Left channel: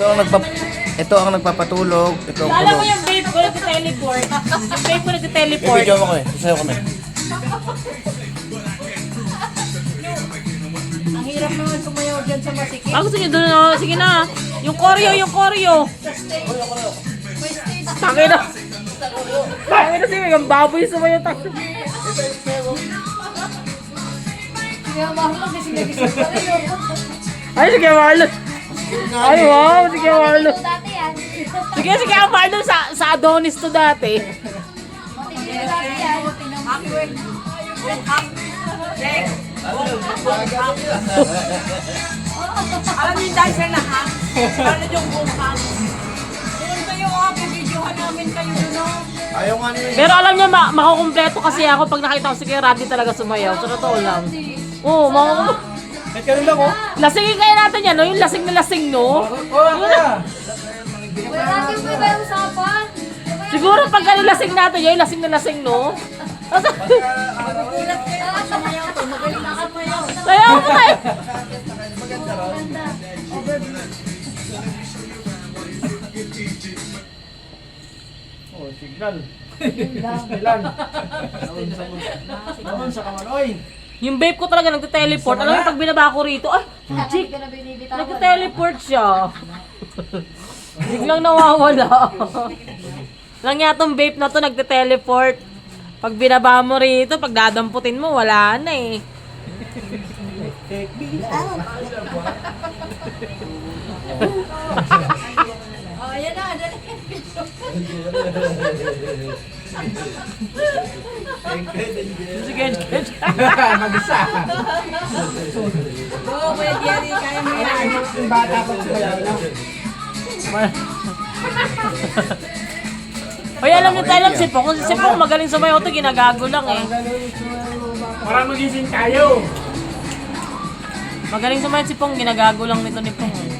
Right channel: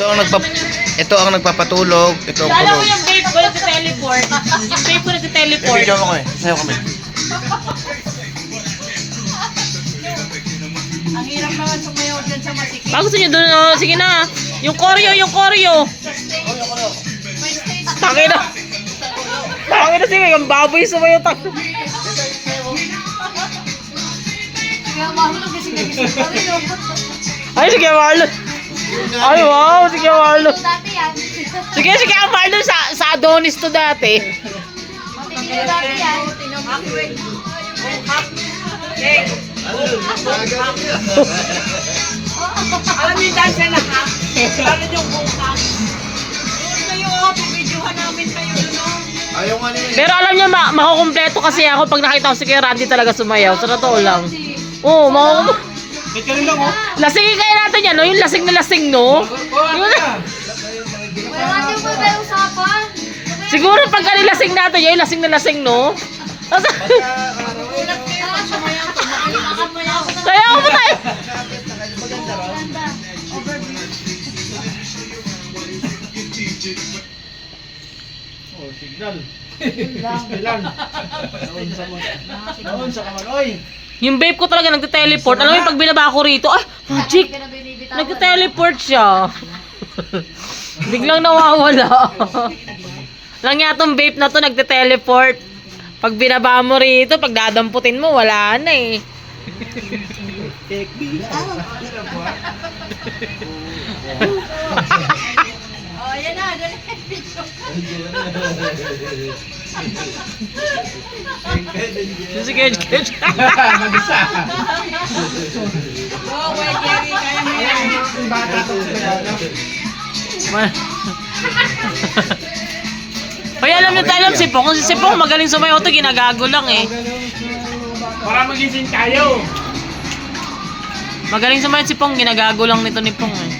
Ito ang nagpapatulog. Ito ang Alam mo tulog. yung babe ko nag-teleport. Yung babe ko nag-teleport. Video mo ko eh. Isayo kami. Ang hirap naman sumayaw dyan sa masikip. Gusto nyo doon, oh. Sige na. Yung choreo. Tangina. Tangina sige, yung baboy sumayo. Sige, mahal kasi nagising pa rin. Ay, sige, Marlon. Ay, wow, sige, Marlon. Dati yan. Sige, ang Marlon sa Adonis to dati. Matitigil dati yan. Awkward. Alam niyo yung dancer na hack? Alam niyo yung buhang? Doon kayo pag-videohan namin kayo doon Ayaw nga niya. Pero alam niya, makukumpleto kasi ako pag nakita ko si Kuya Randy talaga sumayaw. Sa totoo lang. Oo, makukumpleto. Kahit ka rin lang oh. Lasingin kaya natin yan, no? Yung lasing na lasing, no? Wala natin pa ba yung usapan? Siguro pag lasing natin, yung lasing na lasing, no? Gulat kayo pag sumayaw ko. Magalilakan mo na ako. Kaya mo tayo. Maganda. Overview. Oh, signal. Signal. Naon sa kamaloy. Yung babe ko talaga nagte-teleport. Alam mo yung pag binaba ko rito, ay, magic! Nagte-teleport siya. Biglang nawawala. Lang nga tong babe na to nagte-teleport. Pag binaba mo rito, pag dadamputin mo, wala na eh. Oh, yan na. Dali. Sige. Mag-isa. Oh, pwede yan. Kaya mo yan. Yung bata ko sa Ay, alam niyo tayo, Sipong. Kung si Sipong magaling sumayaw to, ginagago lang eh. para magising tayo. Magaling sumayaw si Pong, ginagago lang nito ni Pong eh.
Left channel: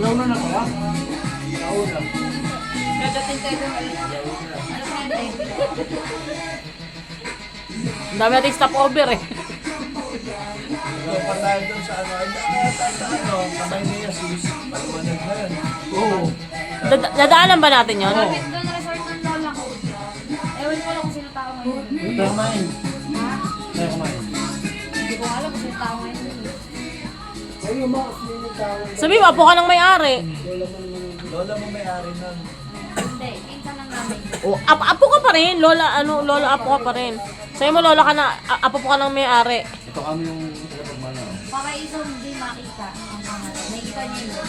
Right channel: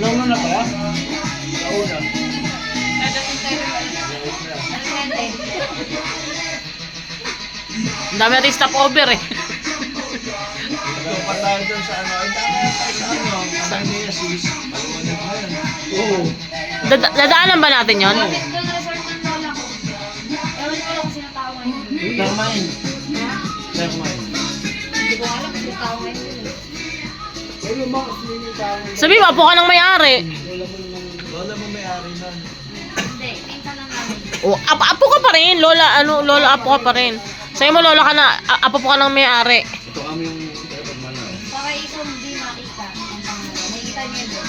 Launa na kaya? Launa. Dadating tayo. Ano sente? Ang dami natin stopover eh. Pa tayo dun sa ano. Ay, tayo sa ano. Patay na yan sis. Paliwanag na yan. Oo. Dadaanan ba natin yun? Doon resort ng lola ko. Ewan ko lang kung sino tao ngayon. Tayo kumain. Tayo kumain. Hindi ko alam kung sino tao ngayon. Ano mo? Sino yung tao? Sabi mo, apo ka ng may-ari. Lola mo may-ari nun. Hindi, pinsan lang namin. O, apo ka pa rin. Lola, apo ka pa rin. Sabi mo, lola ka na, apo po ka ng may-ari. Ito kami yung mana. Para iso hindi makita. Nakikita niyo yun.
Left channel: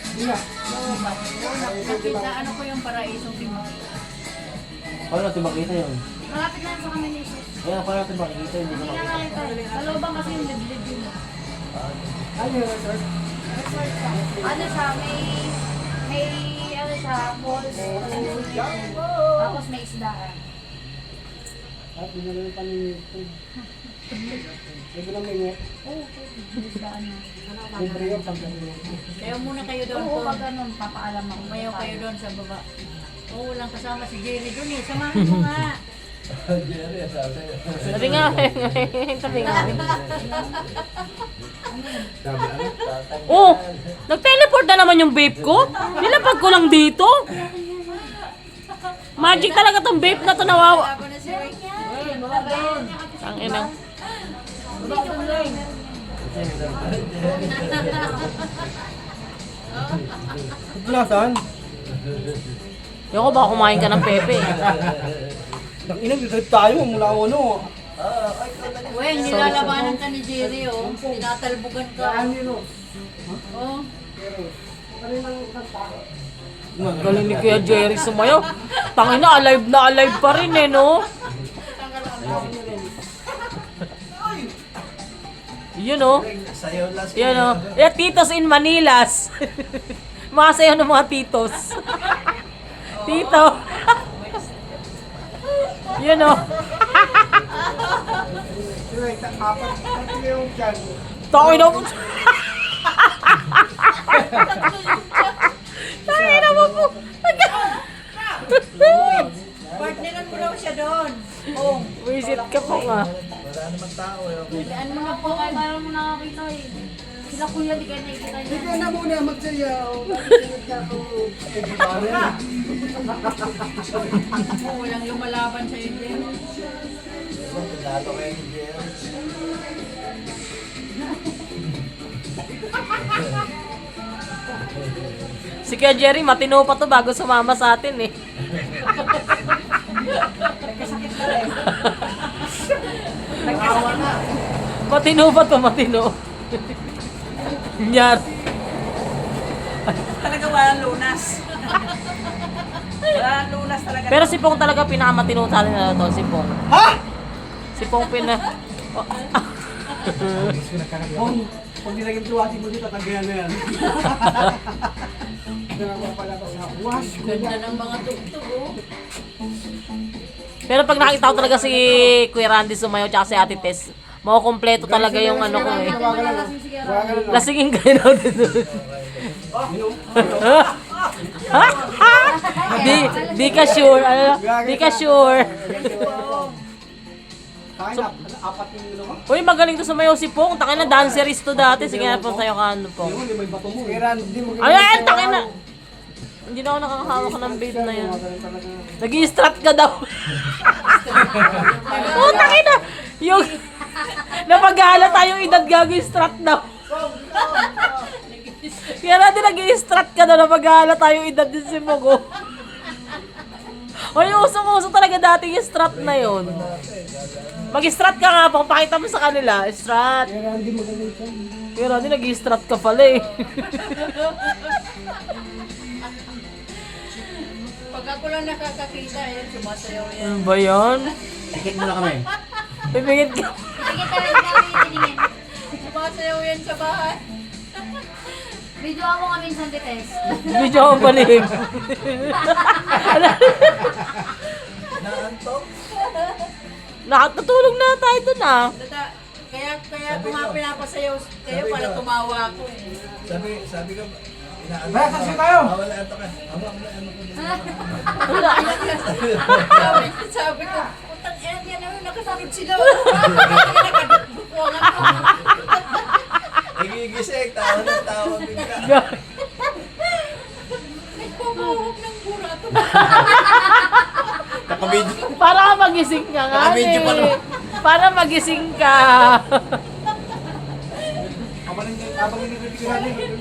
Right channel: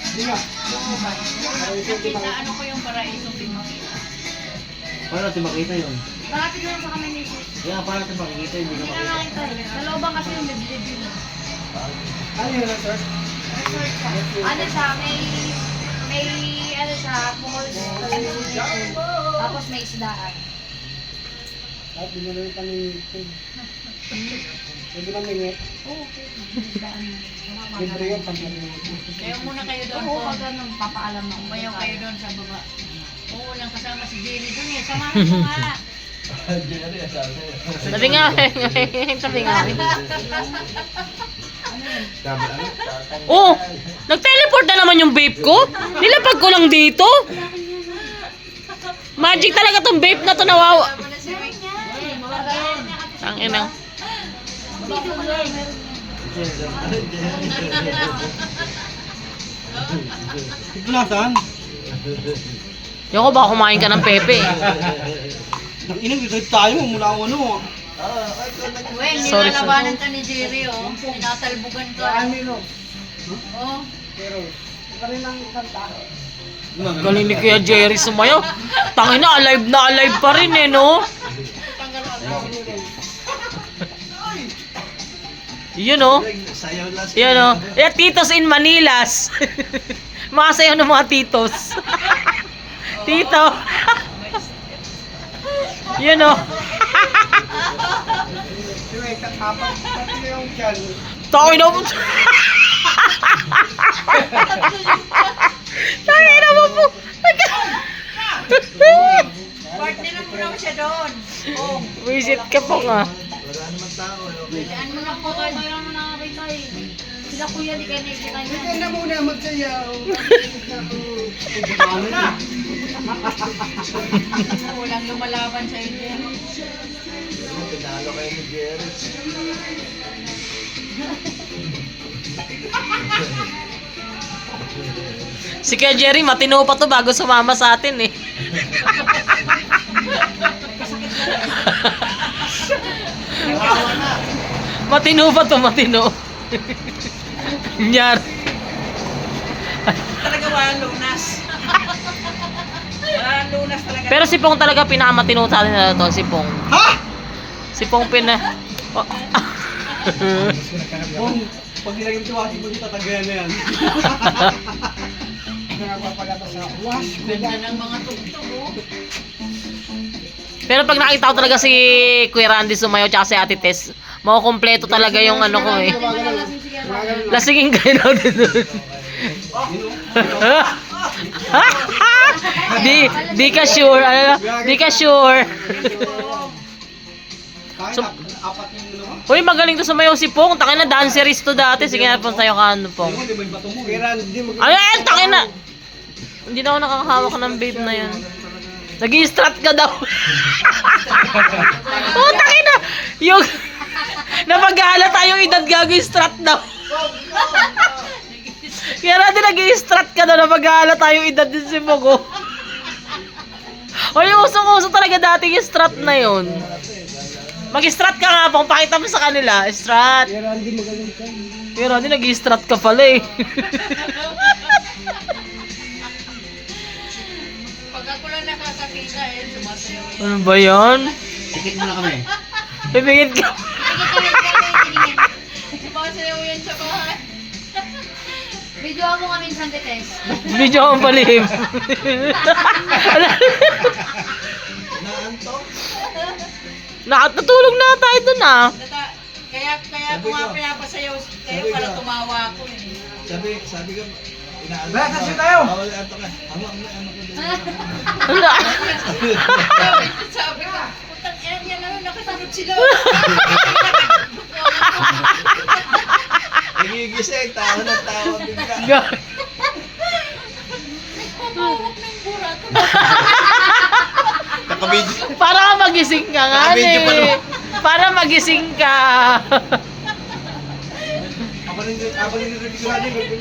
Hindi nga. Nakita, ano ko yung paraisong di makita? Paano natin makita yun? Malapit na lang sa kami ni Sis. Kaya paano natin makikita yun? Hindi na makita eh. Sa looban kasi yung liblib yun. Ano yun, sir? Resort siya. Ano siya, may ano siya, falls. Tapos may isdaan. At hindi na lang kami Pwede na mingit. Oo, may isdaan na. Libre yun pag Kaya muna kayo doon Oo, po. pag ganun, papaalam ako. Umayaw kayo doon sa baba. Oo, walang kasama si Jerry doon eh. Samahan mo nga. Sabi nga, sabi nga. Oh, nag-teleport na naman yung vape ko. Nilapag ko lang dito. Magic talaga tong vape na to, nawawa. Ang ina. Glasan? Yoko, baka kumain ka ng pepe. Nang-inag, ikot tayo mula ako ano. Uy, Sorry, nilalabanan ka ni Jerry oh. Tinatalbugan ka. Oh. Galing ni Kuya Jerry sumayo. Tangin na, alive pa rin eh, no? Yun oh. Yun oh. Eh, titos in Manilas. Mga sayo ng mga titos. Tito. Yun oh. Tangin na po. Tangin na po. Partner mo raw siya doon. Oh. Visit ka po nga. naman tao eh. Okay. Ano mo na po kayo, mayroon mo nakakita eh. Sila kuya, di kayo nakikita niya. Hindi na muna magsayaw. Walang lumalaban sa inyo. Pinalo kayo ni Jerry. Si Kuya Jerry, matino pa to bago sumama sa atin eh. Matino pa to, matino. Nyar. Talaga walang lunas. Walang lunas talaga. Pero si Pong talaga pinakamatino sa atin na to, si Pong. Ha? Si Pong Oh, Pag nilagay yung tuwagi mo dito, tatagayan na yan. Ito nagpapalapas na, wash. Ganda ng mga tugtog oh. Pero pag nakita ko talaga si Kuya Randy sumayaw tsaka si Ate Tess, makukompleto talaga yung ano ko eh. Hindi mo nalasing si Kera. Lasingin kayo natin doon. di ka sure. Ano, di ka sure. So, apat yung ano mo? Uy, magaling to sumayaw si Pong. Takin na dancerist to dati. Sige na, pong tayo ka ano, Pong. Hindi may bato mo. Kaya hindi mo. Ayan, takin na. Hindi na ako nakakahawak ng babe na yun. Nag-i-strut ka daw. Oh, takin na. Yung... Napag-ahala tayong edad gago yung strut daw. Kaya natin nag-i-strut ka daw. Napag-ahala tayong edad din si Pong. Oh. Uy, usong-uso talaga dati yung strut na yun. Mag-strut ka nga, Pong. Pakita mo sa kanila. Strut. Kaya hindi magaling ka. Pero hindi nag-i-strut ka pala eh. Pag ako lang nakakakita eh, sumasayaw yan. Ano ba yan? Tikit mo na kami. Ibigit ka. Sige tayo, tingin. Sumasayaw yan sa bahay. Video mo kami sa Tess. Video ang palihim. Naantok. Nakatulog na tayo dun ah. Kaya ako nga pinapasayaw kayo para tumawa ako eh. Sabi ko, inaantok. Ba, kasi tayo. Wala antok ka. Hawak na, Wala. Sabi ko, putang yan yan ano, nakasunod sila. Nagigising, tawa na tawa bigla. Pumawak ng burato. Nakabidyo. Para ka magising ka nga Nakabidyo pa eh. naman. Para magising ka. Abang nilirinig ko natin.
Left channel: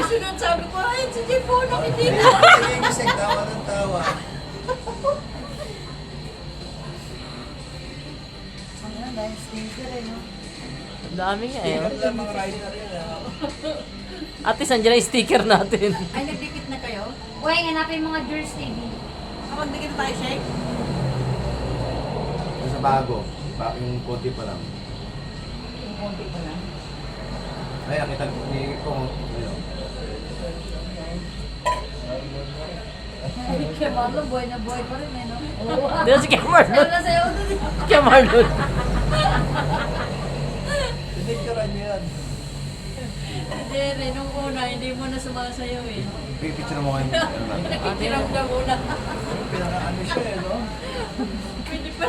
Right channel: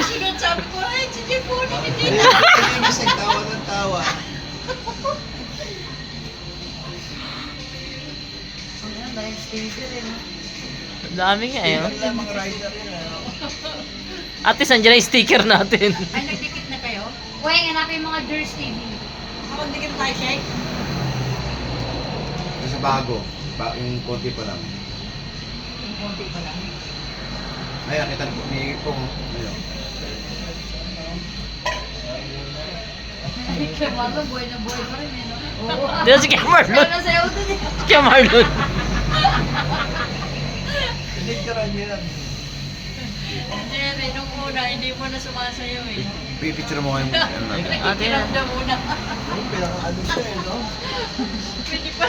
Sunod sabi ko, ay, si Jepo, nakiti na. Nagigising, tawa na tawa. Ayan, dahil sticker eh, no? Ang dami nga eh. Tingnan lang mga rider yan. At least nandiyan na yung sticker natin. Ay, nagdikit na kayo? Uy, hanapin yung mga Jersey TV. Ako, dikit na tayo, Shake. Sa bago. Yung konti pa lang. Yung konti pa lang. Ay, nakita ko ni Pong. Ayun. Kaya Marlon, buhay na buhay pa rin eh, no? Oo. Dito si Kuya Marlon. Kaya nasayaw dun eh. Kuya Marlon. Pinicturean niya yan. Jerry, nung una, hindi mo na sumasayaw eh. Pipicture mo kayo. Ano natin. Nakikiramdam mo na. Pinaka-ano siya eh, no? Pwede pa.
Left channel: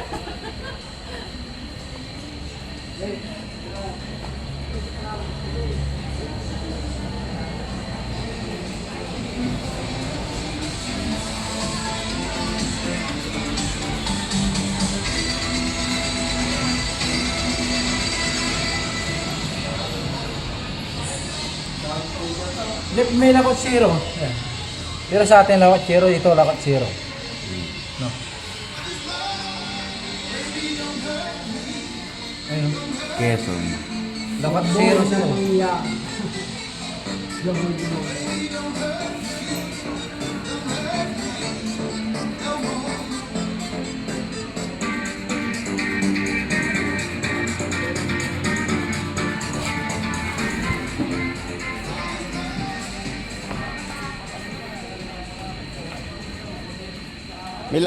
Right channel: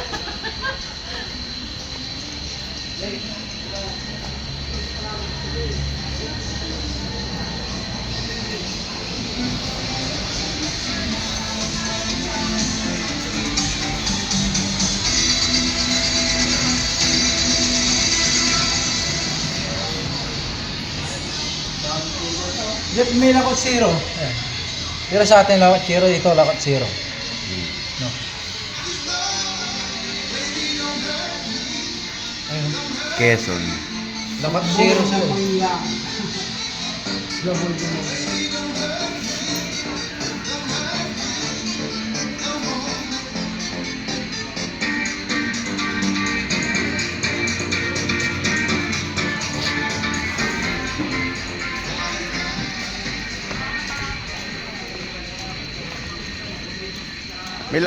Jeff, may lakot zero. Ayan. Pero sa atin lakot zero, dito lakot zero. No. Ayun. Quezon. Lakot zero zero. May